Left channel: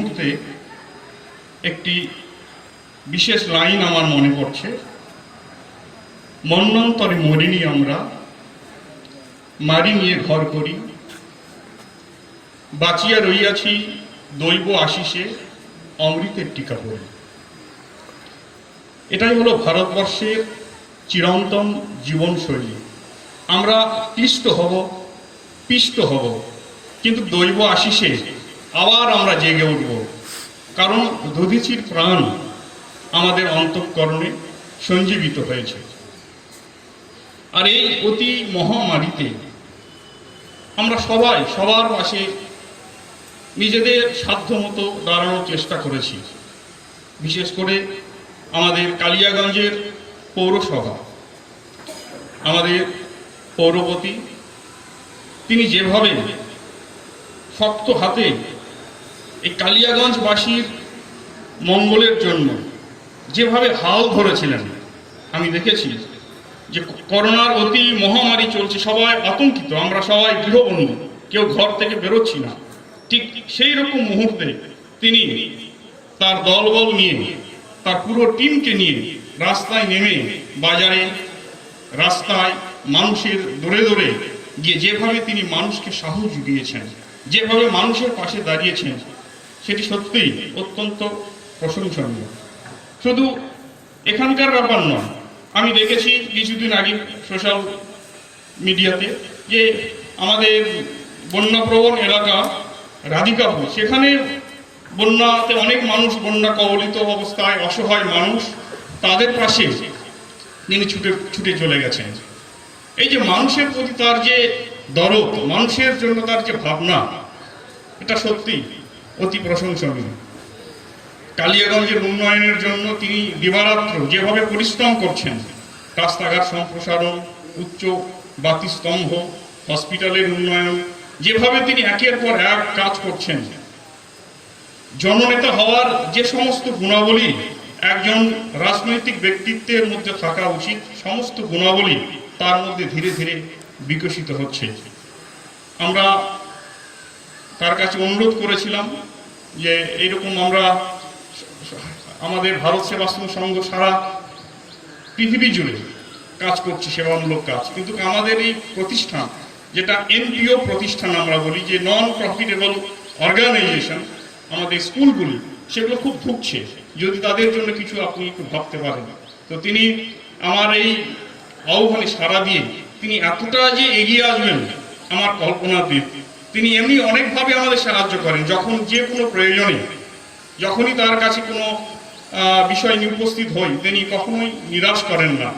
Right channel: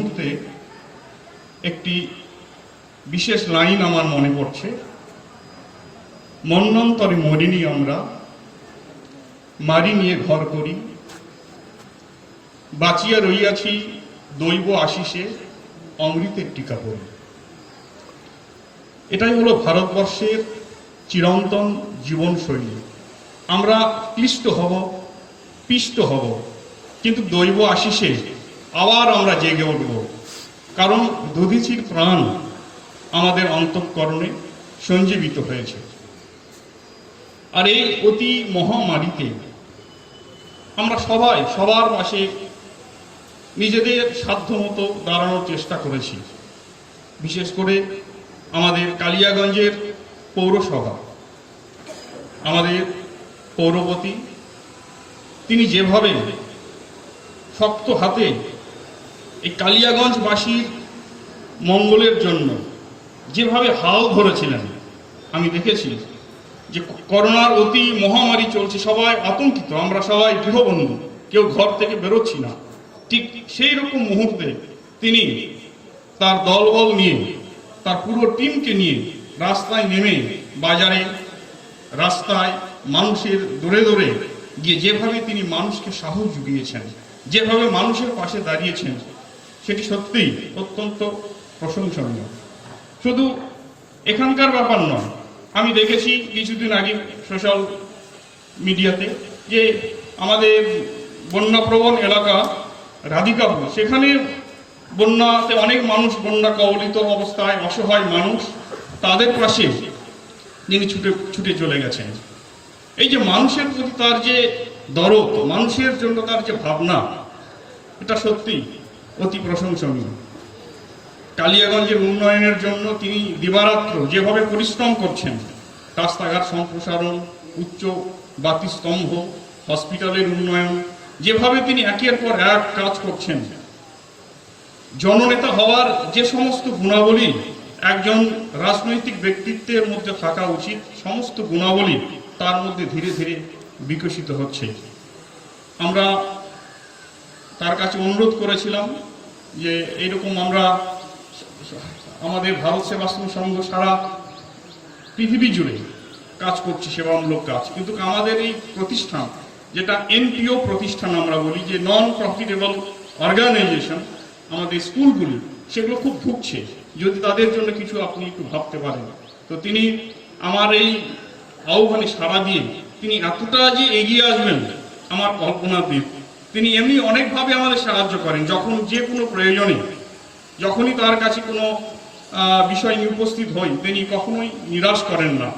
মুহূর্তে একটি বিশেষ লাইন আমার মনে পড়ছে। মন্নন্তরে মরিনি আমরা, মারি নিয়ে ঘর করি। বাঁচিয়া রইয়াছি দৈব আশিসে অমৃতের টিকা পড়ে। এটাই হলো ভারতবর্ষের চিরন্তন জীবনশৈলী। আমরা ক্লিষ্ট হব, পিষ্ট হব, কিন্তু দৈব আশিসে আবার আমরা জেগে উঠব। কারণ দধিচির প্রাণ আমাদের অন্তঃকরণে সঞ্জীবিত হয়েছে। আর এই অতি মহামারীতে আমরা সবাই, সবার পাশে নিজেদের সাধ্যমতো দাঁড়ানোর চেষ্টা করেছি। বিশেষ করে আমাদের কালিয়াগঞ্জের পৌরসভা, আমাদের পৌরপতি, তিনি যেভাবে শক্ত হাতে এই কালিয়াগঞ্জবাসীর মঙ্গলের জন্য যেভাবে হাল ধরেছিলেন, আমি দেখেছি যে করোনার অতি মহামারী চলছে, সবাই আতঙ্কিত, আমরা সবাই গৃহবন্দী, কেউ ঘর থেকে বেরোচ্ছি না। ঠিক সেই রকম মুহূর্তে তিনি তার দলবল নিয়ে, তার পুরো টিমকে নিয়ে রাস্তায় নেমে বাজারে, রাস্তায় মানুষের দূরে দূরে গিয়ে যেভাবে তিনি মানুষকে সাহস জুগিয়েছেন, যেভাবে মানুষের পাশে দাঁড়িয়েছেন সেটি সত্যিই অত্যন্ত প্রশংসনীয়। শুধু এখানকার ব্যাপার নয়, আমি দেখেছি কিছুদিন আগে সোশ্যাল মিডিয়াতে যে আমাদের বন্যাপ্রবণ এলাকা রাধিকাপুর, সেখানে বন্যাতে অনেক মানুষ বন্যা কবলিত অবস্থায় অসহায় মানুষ তাদের পাশে তিনি ছুটে ছুটে চলে গেছেন। এই যে মানুষের প্রতি তার যে দরদ, মানুষের জন্য তার যে ভাবনা, এটা সত্যি অতি প্রশংসনীয়। কালিয়াগঞ্জের উন্নয়নের জন্য তিনি দিবারাত্র যেভাবে পরিশ্রম করছেন, রাস্তাঘাট সম্প্রসারণ, উচ্চ বাতিস্তম্ভ হসপিটালের উন্নয়ন, যেভাবে তিনি একের পর এক কাজ করছেন। জননেতা হওয়ার যে সমস্ত গুণাবলী একজন রাজনৈতিক ব্যক্তিত্বের মধ্যে থাকা উচিত, সমস্ত গুণাবলী তার মধ্যে ধীরে ধীরে বিকশিত হচ্ছে। আমরা তার কাছে অনুরোধ করেছিলাম যে এরকম আমরা আমাদের ভারত সেবাশ্রম সংঘ সারা পৃথিবী জুড়ে কাজ করছি, সেবামূলক কাজ। কিন্তু আমাদের এই প্রতিষ্ঠান, যেটা এনপিও প্রতিষ্ঠান আমরা বলি, যে নন প্রফিটেবল অর্গানাইজেশন আমাদের স্কুলগুলি, সেগুলো খুব ভুগছে। যদি তাদের জন্য কিছু আপনি একটু ভাবতে পারেন। তো তিনি আমার এই আহ্বানে সাড়া দিয়ে তিনি এতটা যে এগিয়ে আসবেন, আমার কল্পনাতে তিনি এমনি অনেকভাবে আমাদের সাহায্য করেন, যখন যে কোনো প্রয়োজনে। যখনই তার কাছে কোনো বিষয় নিয়ে উপস্থিত হই, তিনি কখনোই নিরাশ করেন না।